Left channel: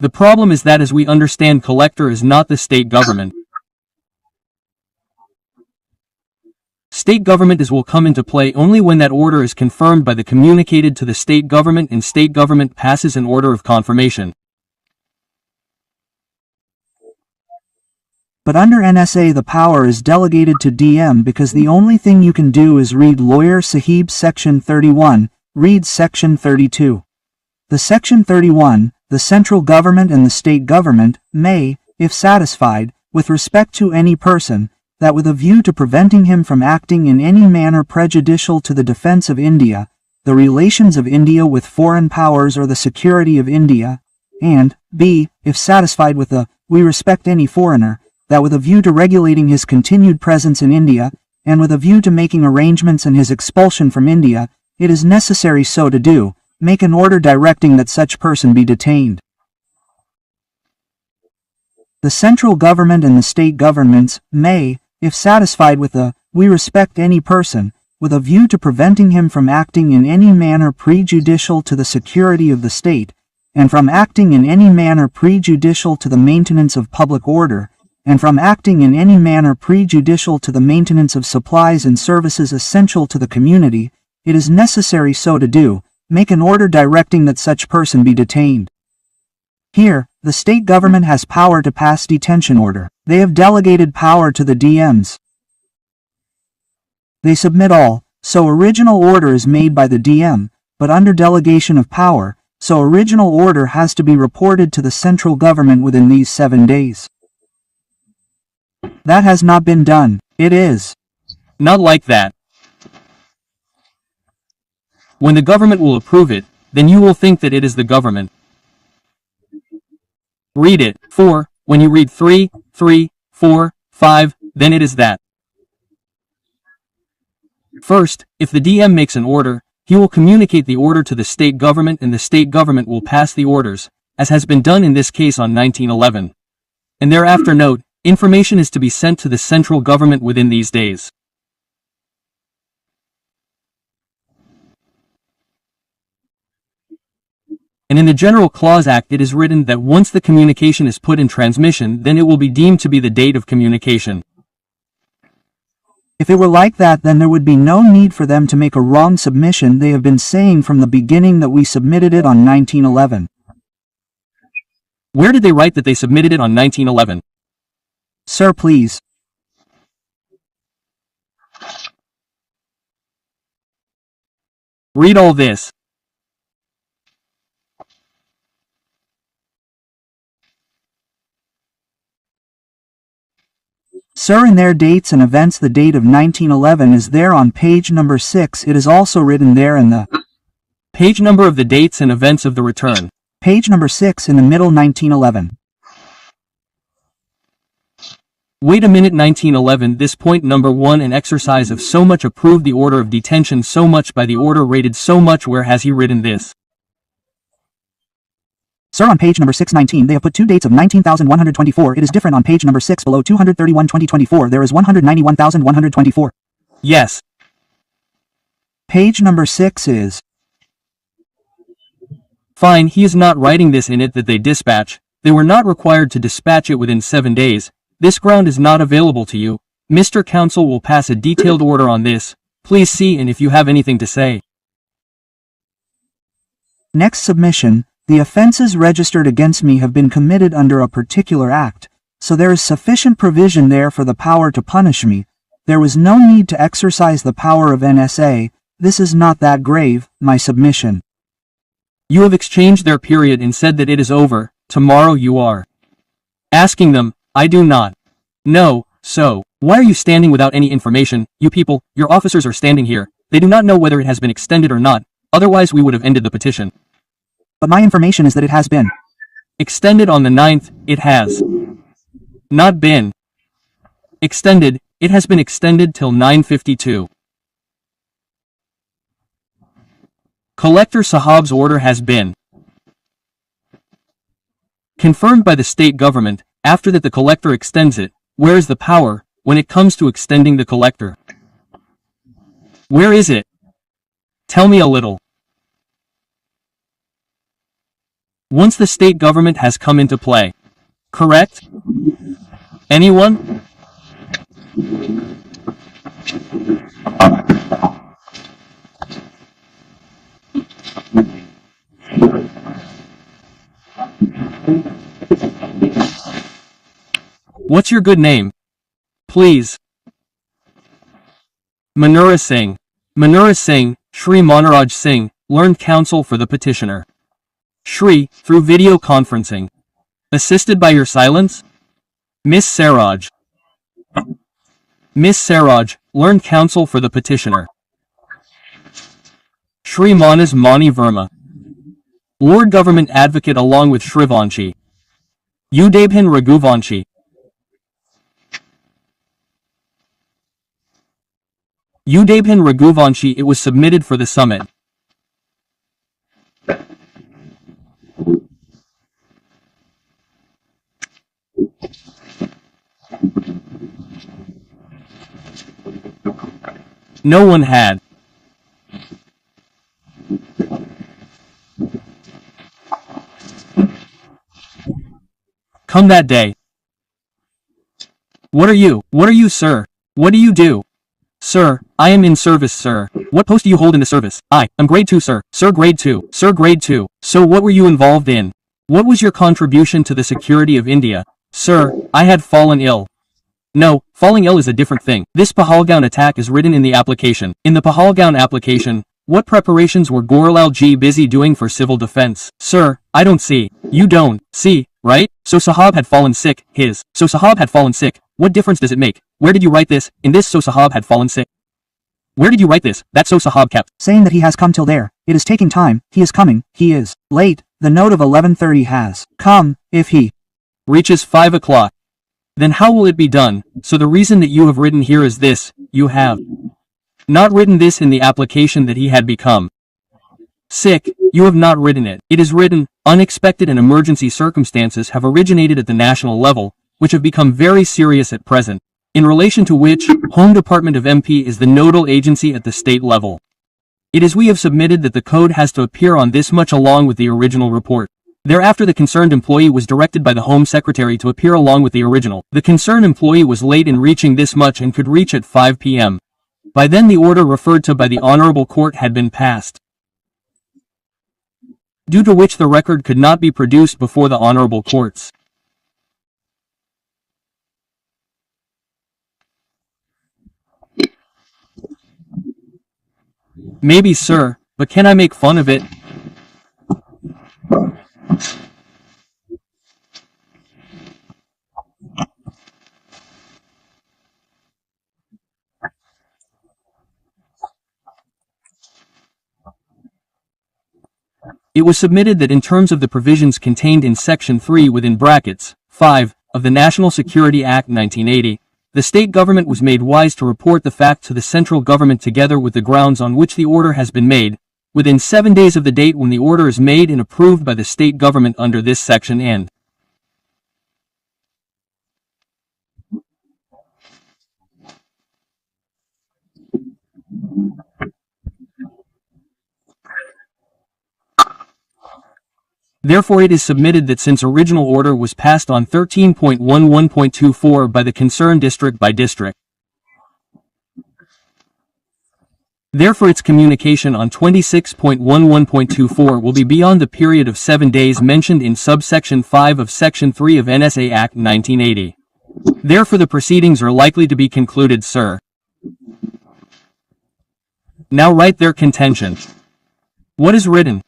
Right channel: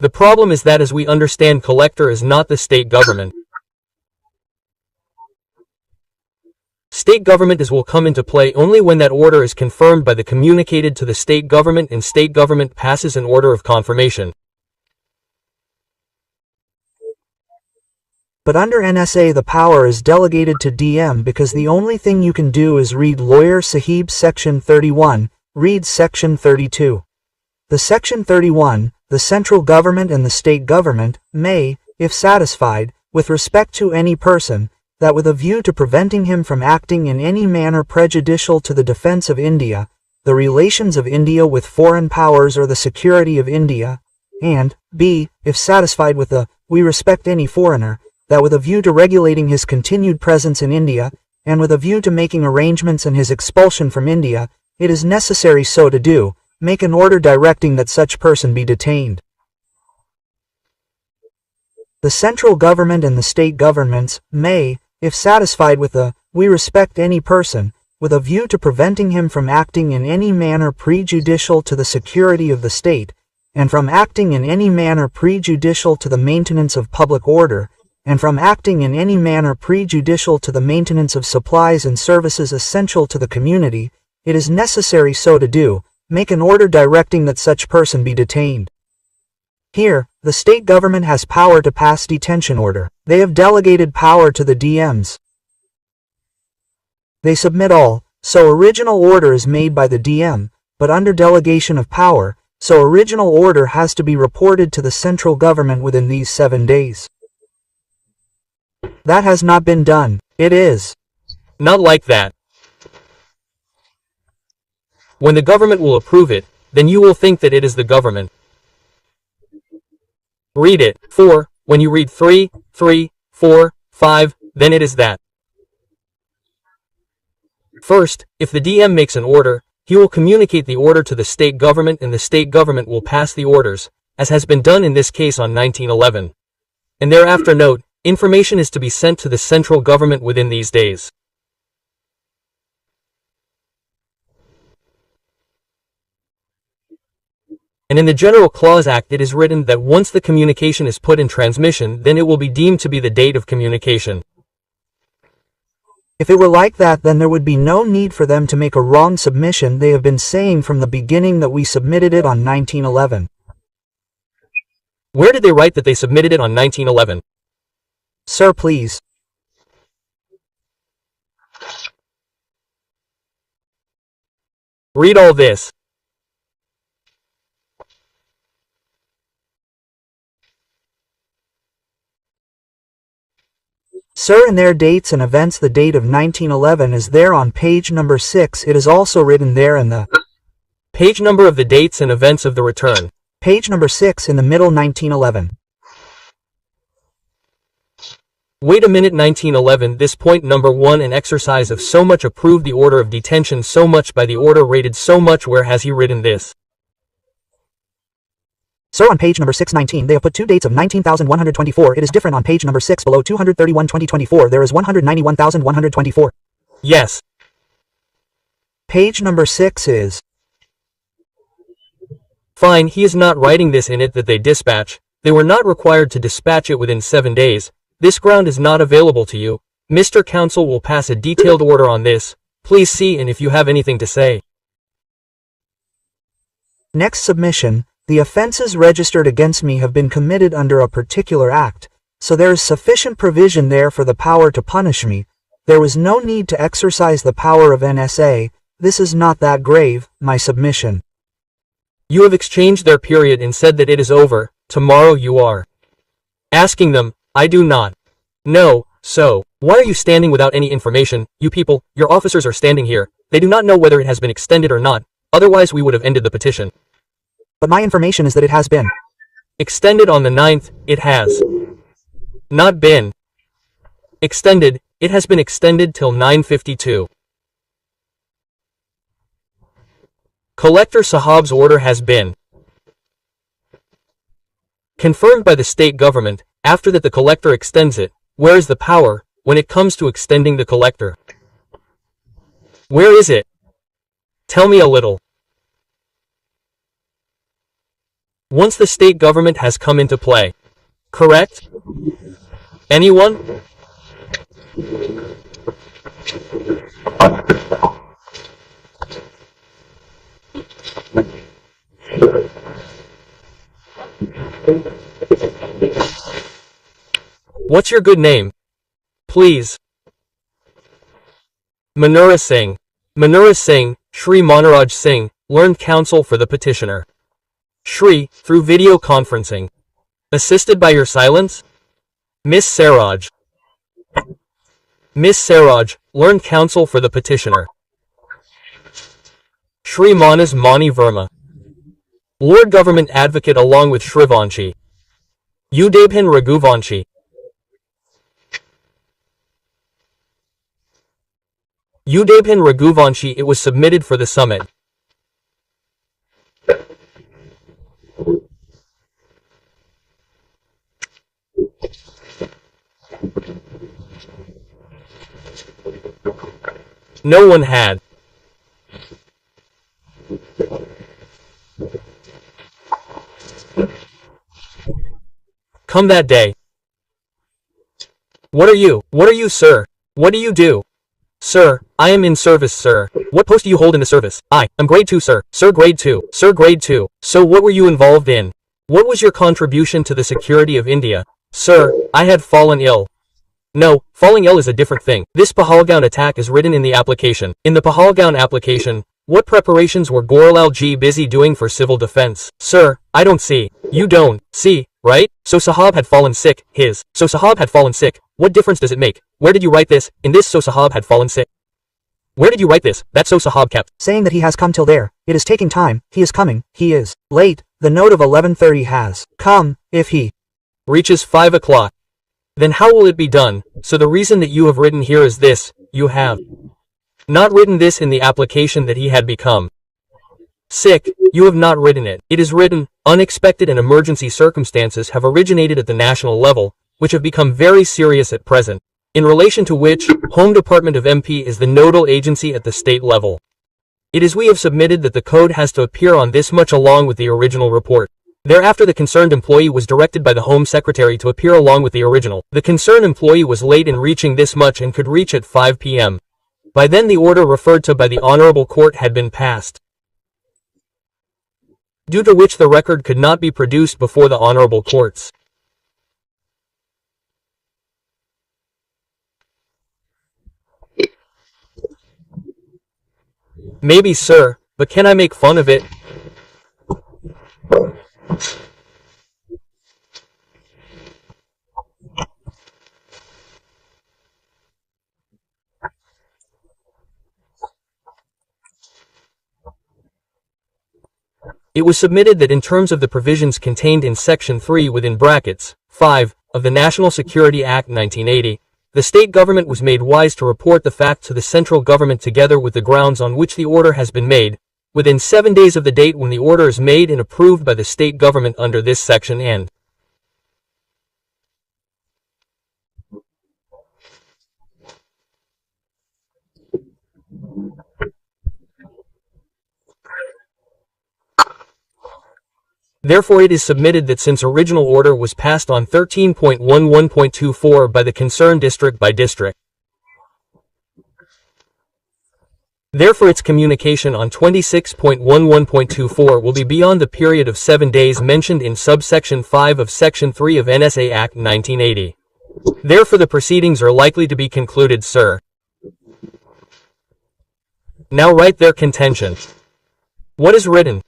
The problem is that as we understand, collector is not the state government. State government will come into play only when that order is confirmed by the communicated to the state government and state government passes an order of confirmation. But under NSA the power is delegated to DM because the only thing you can do is read Lawyer Sahib Section 31, read Section 32. The Section 31, the central government and the state government, may, if satisfied, with respect to any person, that with a view to preventing him from acting in any manner prejudicial to the defense of India, the relations of India with foreign powers or the security of India, and, b, if satisfied with the, we respect any foreigner, that with a view to regulating his continued presence in India, and with a view to making arrangements and his expulsion from India, it is necessary so to do, make an order directing that such person be detained. The central government and the state governments may, if satisfied with the, we respect any person, with a view to preventing him from acting in any manner prejudicial to the security of the state, and from acting in any manner prejudicial to the maintenance of public order, and from acting in any manner prejudicial to the maintenance of supplies and services essential to the community, it is necessary so to do, make an order directing that such person be detained. Here, the state government has power to pass detention order. They have delegated power to the DMs. They submit all, so original order is made by the DM, but under delegation of power, so original order has to be reported to the central government within these 7 days. That has not been done. It is not like that. When the government will approve it, then you will think that it is the government. Read it. 4, when you read 3, 3, 4, 5, then it is that. First, if the DM makes an order, he will communicate the order to the state government and the state government will pass the orders, as has been done in this case on 1911. And thereafter note, information is to be sent to the central government within these days. And in the General Clause Act it is written that once the communication is put in transmission, then it will be deemed to be the date of communication. If it were like that, then there would be no need for them to make a wrong submission. They have been saying from the beginning that we submitted it on 1911. Where did they write that they submitted it on 1911? Sir, please. Read all this. Sir, in their dates and events, the date of 1911 is there on page number 6. It is also written there in the page number of the dates and events of the return. Page number 6 in the middle, 1911. Wait a minute, 1911, this point number 1, an exercise of so much approved the order of detention so much by the order rated so much. Where has he written this? Sir, on page number 619 they have put 2 dates of 19,124. It is different on page number 6 below 231/2024. There is 191,124. Yes. Page number 6 is. Fine, he is not writing this in it that they dispatch. They were not required to dispatch it within 7 days. This ground is not available to you. Mr. Counsel will pass a detailed order on this. Please see and if you have anything to say. Next submission. The offenses registered against me have been committed under a particular act, so there is sufficient provision there for the power to punish me. There was no need to exercise the power of NSA. This is not that grave, my submission. You have exchanged their period and said that it is over. Tomorrow you are asking them. I do not know, so why are you standing without any information? You people, your officers are standing here. They do not know whether it has been extended or not, otherwise we would have ended the petition. But my information is that it has been extended on the 9th. It has not been extended. It has been extended till 9:52. Collector Sahab's order has been confirmed by the state government. After that the collector extends it. Where is the power when it comes to extending the collector? Where is it? Tell me a little. once the state government has come into play. Correct? Anyone? What's your good name? Please. Manura Singh. Manura Singh, Shri Manaraj Singh, learned counsel for the petitioner. Shri, through video conferencing. Assisted by your silence? Miss Saraj. Miss Saraj, learned counsel for the petitioner. Shri Manas Mani Verma. Lord Government Advocate along with Shrivanshi. Udabhin Raghuvanshi. Udabhin Raghuvanshi. It was submitted for the summit. No one had. Come that day. What are you? What are you, sir? What do you do? Sir, I am in service, sir. What post do you hold in the service? I'm grade 2, sir. Sir, grade 2. Sir, grade 2. So what were you involved in? What was your contribution to the security of India? Sir, I had fallen ill. No, falling ill is a different thing. This Pahalgaon attack is written in the application. In the Pahalgaon application, what preparations were Gorlal Ji busy doing for civil defense? Sir, I don't see. You don't see, right? So Sahab had fallen sick. So Sahab had fallen sick. What difference does it make? Where did you write this? In this so Sahab had fallen sick. Where did you write this? That so Sahab kept saying that he has come till there. It is taking time. He is coming. He is late. The note of 11:30 has come. If he reaches 5 o'clock, then how will it be done? So the reason that you have written here is this: you have not written this in the application that he had become sick. You have not written it. It is written, unexpected and emergency circumstances have originated at the national level, which have become very serious at present, in relation to which, Home Department of MP is the nodal agency at the state level. It is we have submitted that the code has to appear on this much along with the original report. Thereafter the concerned employee was directed by the Home Secretary to appear along with the original. The concerned employee was late in reaching this much and could reach at 5 p.m. By then the order referred to by the Honorable Court had been passed, due to which the record could not be produced before the Honorable Courts. Maybe, sir, but can I make fun of it? It was submitted that in terms of the provisions contained in Section 3 within brackets 5 of the National Security Act 1980, the state government was made wise to report the fact to the central government together with the grounds on which the order has been made, within 7 days of the date when the order is made and approved by the state government under this section and therefore it is submitted that since original order was passed on 13.11.24 by the concerned district by district, therefore its communication on 26.11.24 will be beyond the period of 7 days mentioned in subsection 5 of Section 3 of NSA Act 1980. Therefore the proceedings are likely to be concluded, sir. Now write their contention. What is written?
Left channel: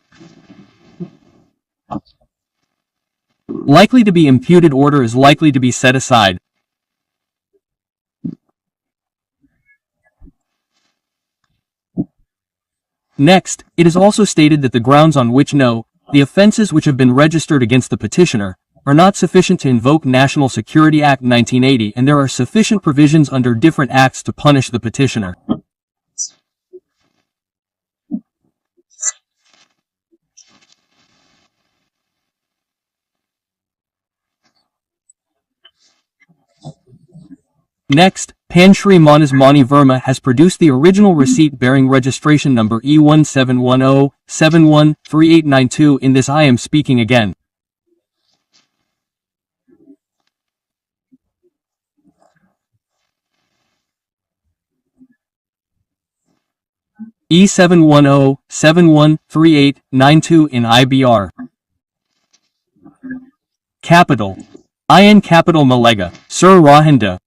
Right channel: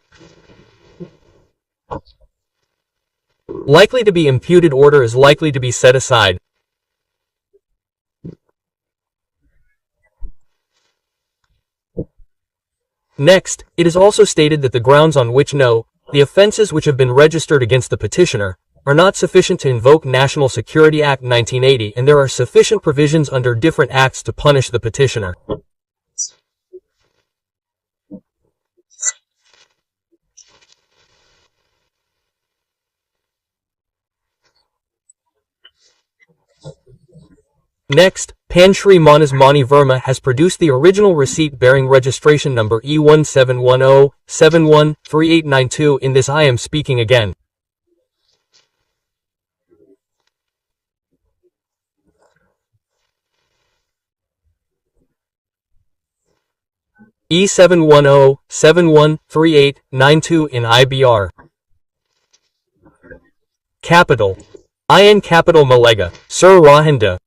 Likely to be imputed order is likely to be set aside. Next, it is also stated that the grounds on which the offenses which have been registered against the petitioner are not sufficient to invoke National Security Act 1980 and there are sufficient provisions under different acts to punish the petitioner. Next, Panshri Manas Mani Verma has produced the original receipt bearing registration number E1710713892. In this I am speaking again. E710-713892 in IBR. Capital. IN Capital Malega, Sir Rohinda.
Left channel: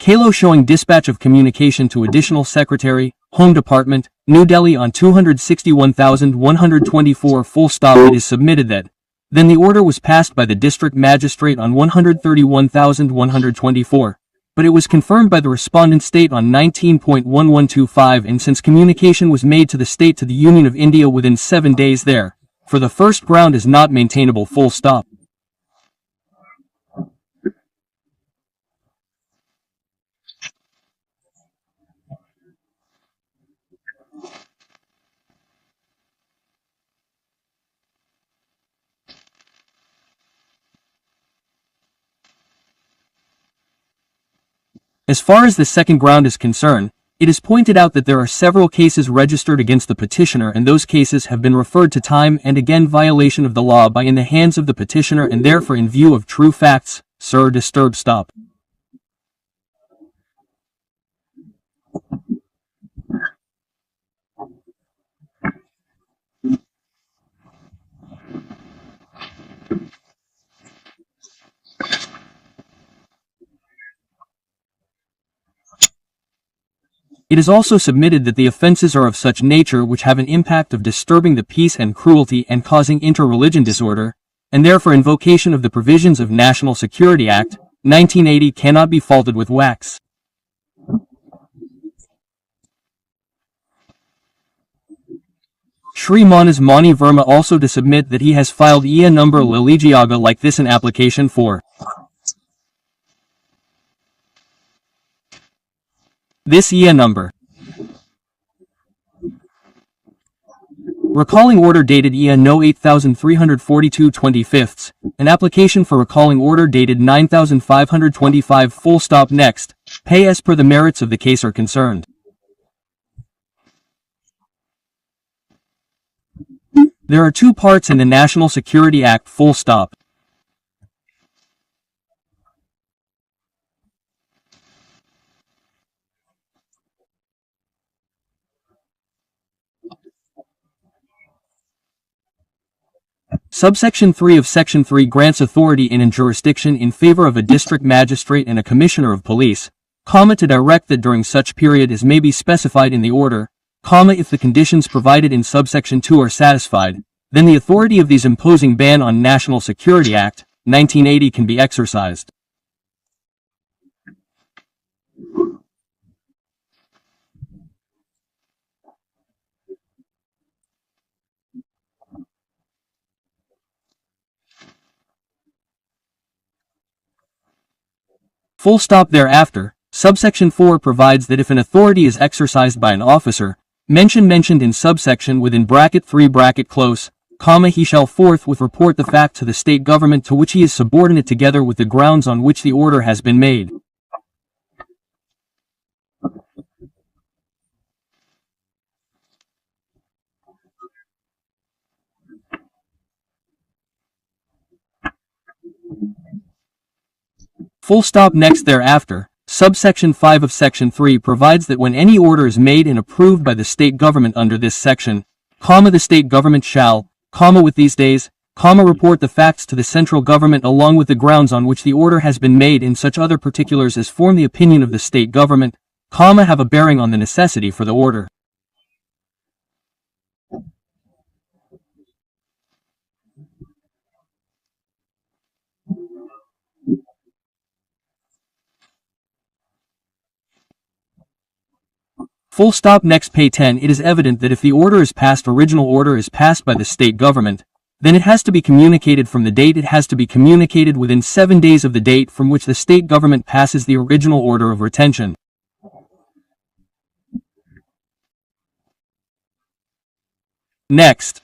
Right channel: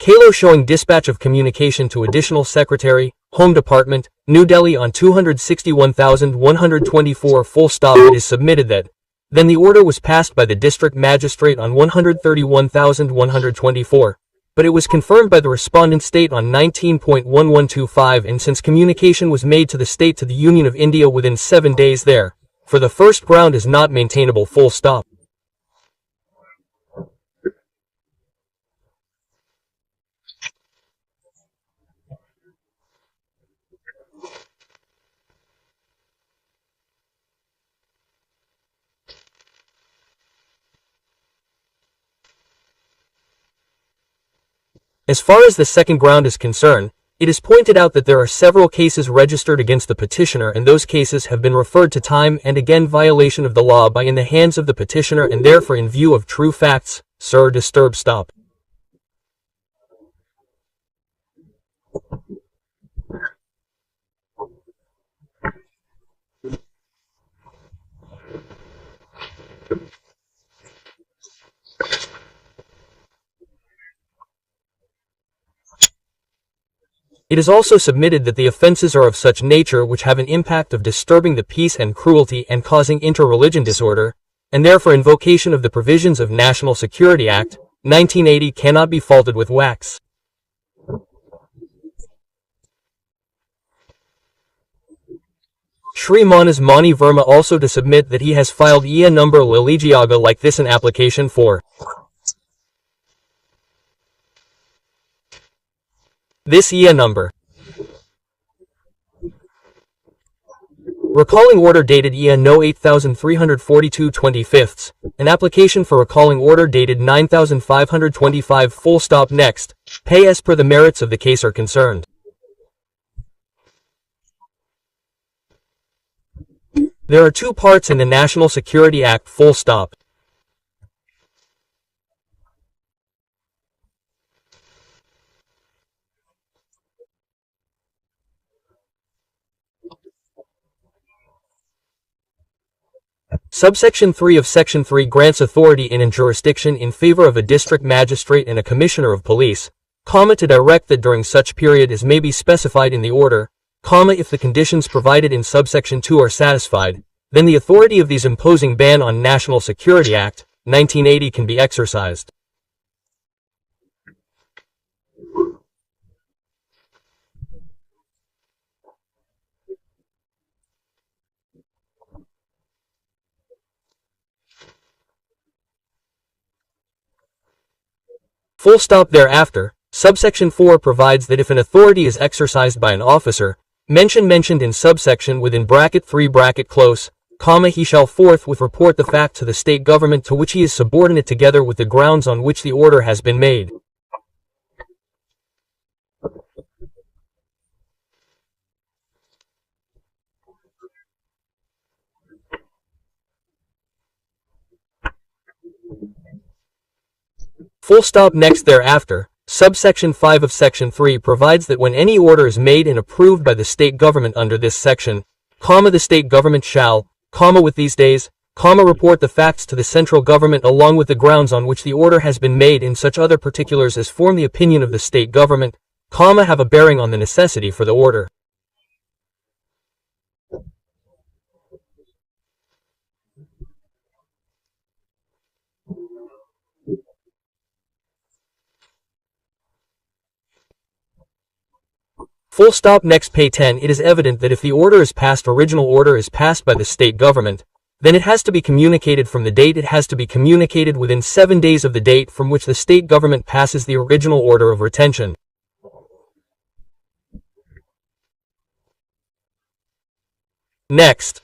Kalo showing dispatch of communication to Additional Secretary, Home Department, New Delhi on 261,124 full stop. It is submitted that then the order was passed by the District Magistrate on 131,124, but it was confirmed by the respondent state on 19.1125, and since communication was made to the state to the Union of India within 7 days there, for the first ground is not maintainable full stop. As far as the second ground is concerned, it is pointed out that there are several cases registered against the petitioner, and those cases have been referred to time and again violation of the law by in the hands of the petitioner, and therefore in view of true facts, Sir disturb stop. It is also submitted that the offenses are of such nature which have an impact of disturbing the peace and cruelty and causing inter-religion disorder, and therefore invocation of the provisions of National Security Act, 1980 cannot be faulted with wax. Shri Manas Mani Verma also to submit that he has filed EA number Liligiaga like this in application for this EA number. Recalling order dated EA No 8342/25, an application for recalling order dated 9525 full stop. Next, pay as per the merits of the case are concerned. There are two parts in the National Security Act full stop. Subsection 3 of Section 3 grants authority in and jurisdiction in favor of a district magistrate and a commissioner of police, to direct that during such period as may be specified in the order, if the conditions provided in subsection 2 are satisfied, then the authority of these imposing ban on National Security Act, 1980 can be exercised. Full stop. Thereafter, subsection 4 provides that if an authority is exercised by an officer, mentioned in subsection within bracket 3 bracket close, he shall forthwith report the fact to the state government to which he is subordinate together with the grounds on which the order has been made. Full stop. Next. Thereafter, subsection 5 of section 3 provides that when any order is made and approved by the state government under this section, the state government shall, with these days, report the facts to the central government along with the grounds on which the order has been made in such other particulars as form the opinion of the state government, have a bearing on the necessity for the order. Full stop. Next. Pay 10. It is evident that if the order is passed, original order is passed by the state government, then it has to be communicated from the date it has to be communicated within 7 days of the date from which the state government passes the original order of retention. Next.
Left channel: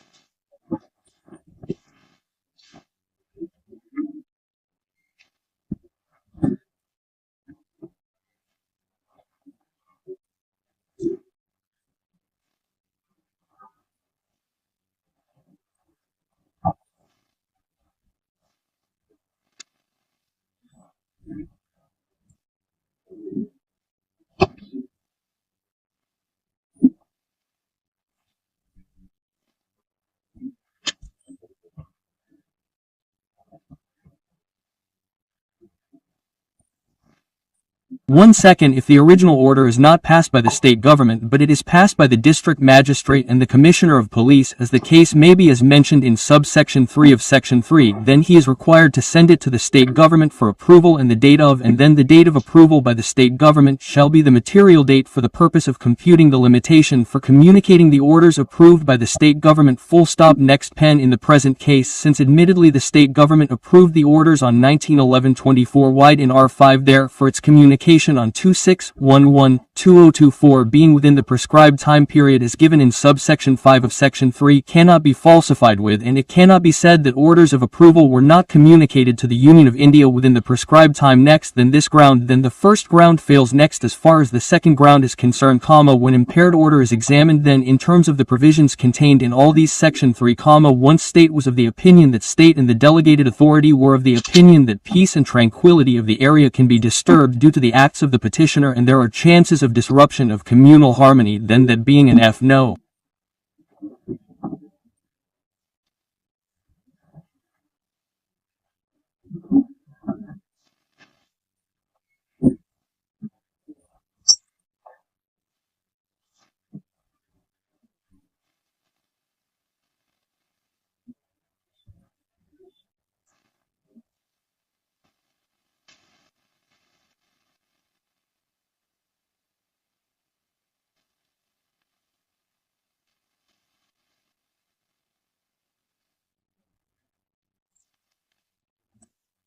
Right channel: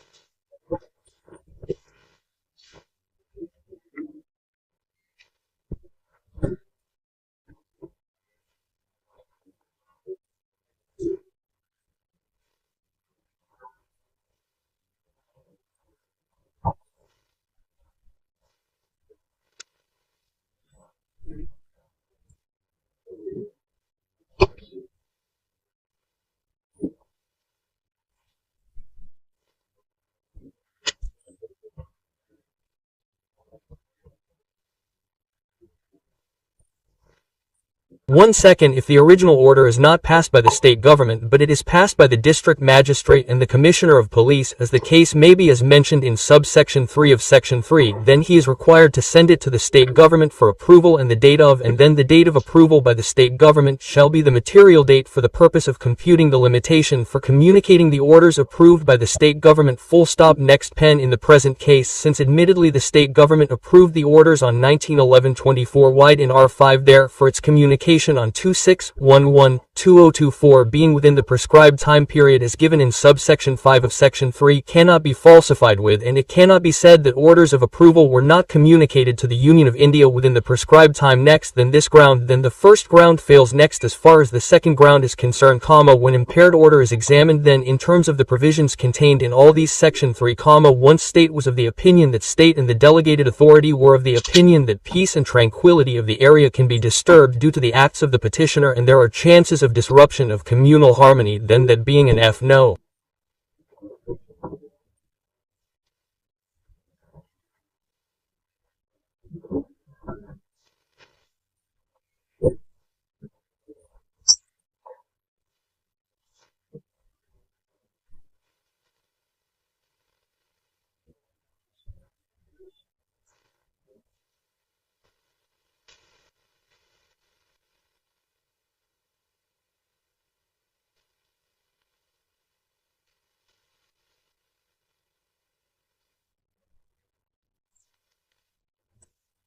1 second if the original order is not passed by the state government but it is passed by the district magistrate and the commissioner of police as the case may be as mentioned in subsection 3 of section 3, then he is required to send it to the state government for approval and the date of and then the date of approval by the state government shall be the material date for the purpose of computing the limitation for communicating the orders approved by the state government. Full stop. Next pen in the present case since admittedly the state government approved the orders on 19/11/24 wide in R5 therefore its communication on 26/11/2024 being within the prescribed time period as given in subsection 5 of section 3 cannot be falsified with and it cannot be said that orders of approval were not communicated to the Union of India within the prescribed time. Next then this ground then the first ground fails. Next as far as the second ground is concerned, when impaired order is examined then in terms of the provisions contained in all these section 3, once state was of the opinion that state and the delegated authority were of the opinion that peace and tranquility of the area can be disturbed due to the acts of the petitioner and there are chances of disruption of communal harmony, then that being an F no.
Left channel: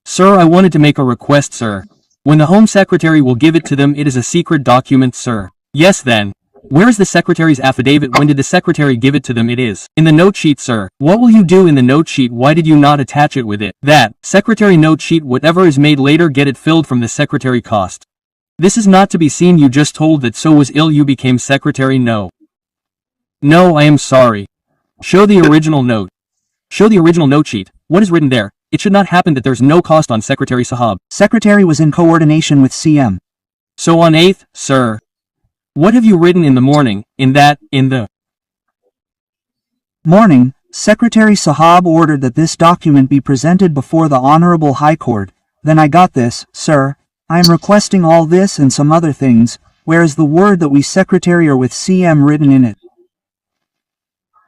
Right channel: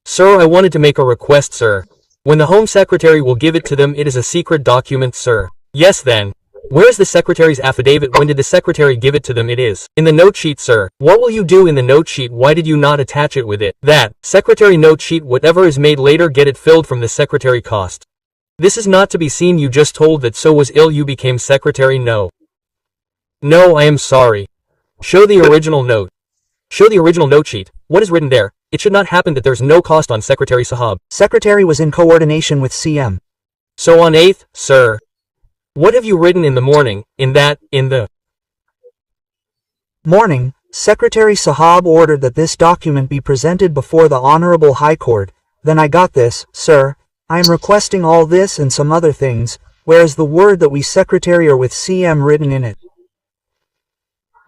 Sir, I wanted to make a request, sir. When the Home Secretary will give it to them, it is a secret document, sir. Yes then. Where is the Secretary's affidavit? When did the Secretary give it to them? It is in the note sheet, sir. What will you do in the note sheet? Why did you not attach it with it? That Secretary note sheet, whatever is made later, get it filled from the Secretary cost. This is not to be seen. You just told that so was ill you became Secretary. No. No, I am sorry. Show the original note. Show the original note sheet. What is written there? It should not happen that there's no cost on Secretary Sahab. Secretary was in coordination with CM. So on 8th, sir. What have you written in the morning, in the morning, Secretary Sahab ordered that this document be presented before the Honorable High Court. Then I got this, sir. I am requesting all this and some other things, where is the word that we Secretary are with CM written in it?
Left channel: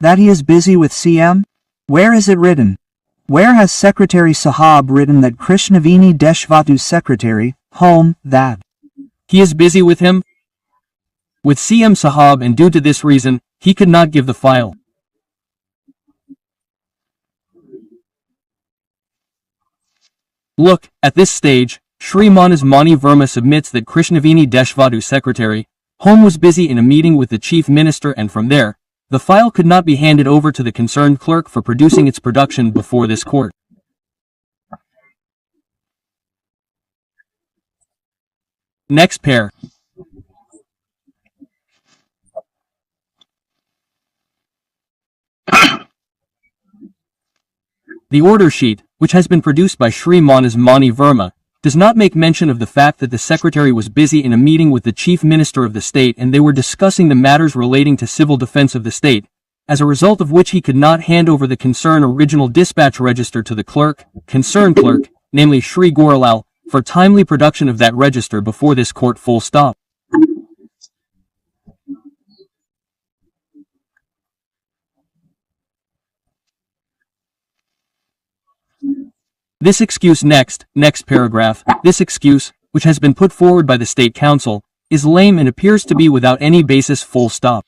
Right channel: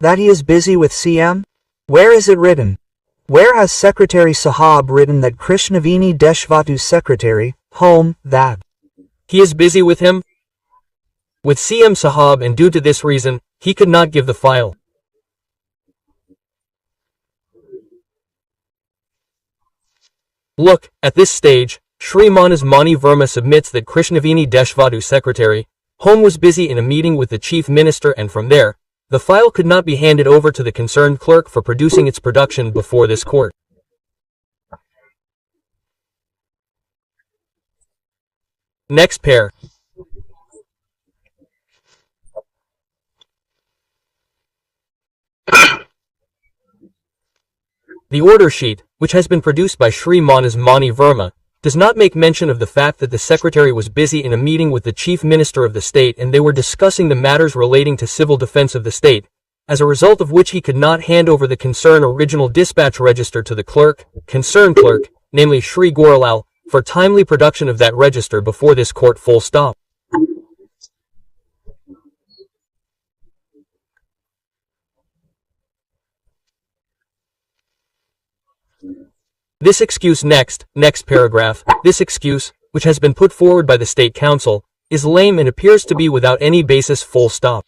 That he is busy with CM? Where is it written? Where has Secretary Sahab written that Krishnavini Deshvatu's Secretary, Home, that he is busy with him? With CM Sahab, and due to this reason, he could not give the file. Look, at this stage, Shri Manas Mani Verma submits that Krishnavini Deshvatu's Secretary, Home was busy in a meeting with the Chief Minister and from there, the file could not be handed over to the concerned clerk for producing its production before this court. Next pair. The order sheet, which has been produced by Shri Manas Mani Verma, does not make mention of the fact that the Secretary was busy in a meeting with the Chief Minister of the state and they were discussing the matters relating to civil defense of the state, as a result of which he could not hand over the concerned original dispatch register to the concerned clerk, namely Shri Goralal, for timely production of that register before this court. Full stop. This excuse next paragraph, this excuse, which has been put forward by the State Council, is lame and appears to be without any basis. Full stop.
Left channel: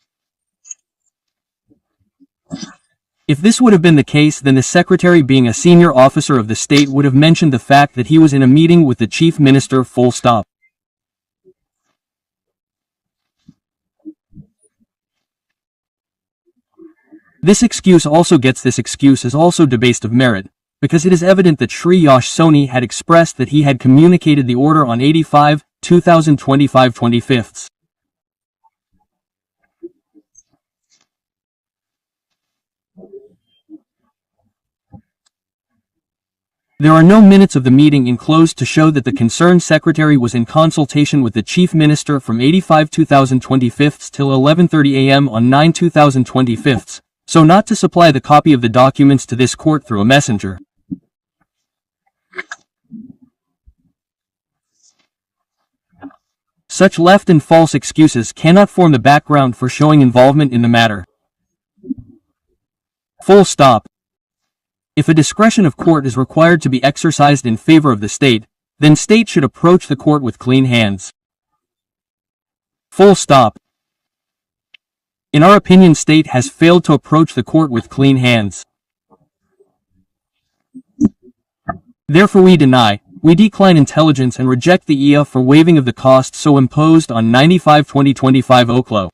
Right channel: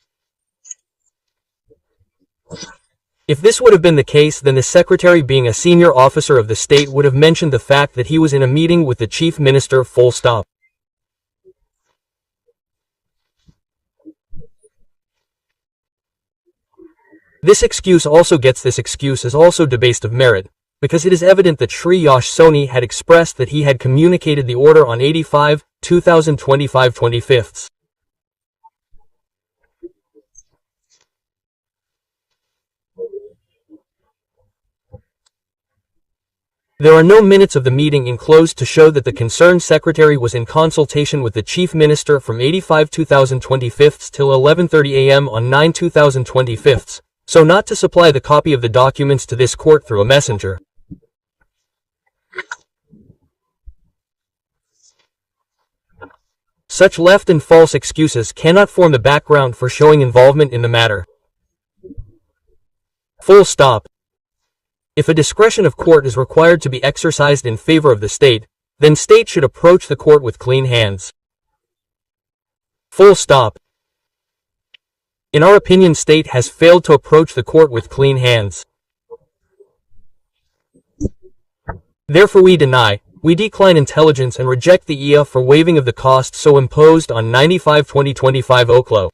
If this would have been the case, then the Secretary, being a senior officer of the state, would have mentioned the fact that he was in a meeting with the Chief Minister. Full stop. This excuse is also debased of merit, because it is evident that Shri Yash Soni had expressed that he had communicated the order on 85/2025/25. There are no minutes of the meeting enclosed to show that the concerned Secretary was in consultation with the Chief Minister from 85/2025 till 11:30 am on 9/2025, so not to supply the copy of the documents to this court through a messenger. Such left and false excuses cannot form the background for showing involvement in the matter. Full stop. If a discretion of court is required to be exercised in favor of the state, then state should approach the court with clean hands. Full stop. In our opinion, state has failed to approach the court with clean hands. Therefore we decline intelligence and reject the EA for waiving of the cost so imposed on 95/2025 Oklo.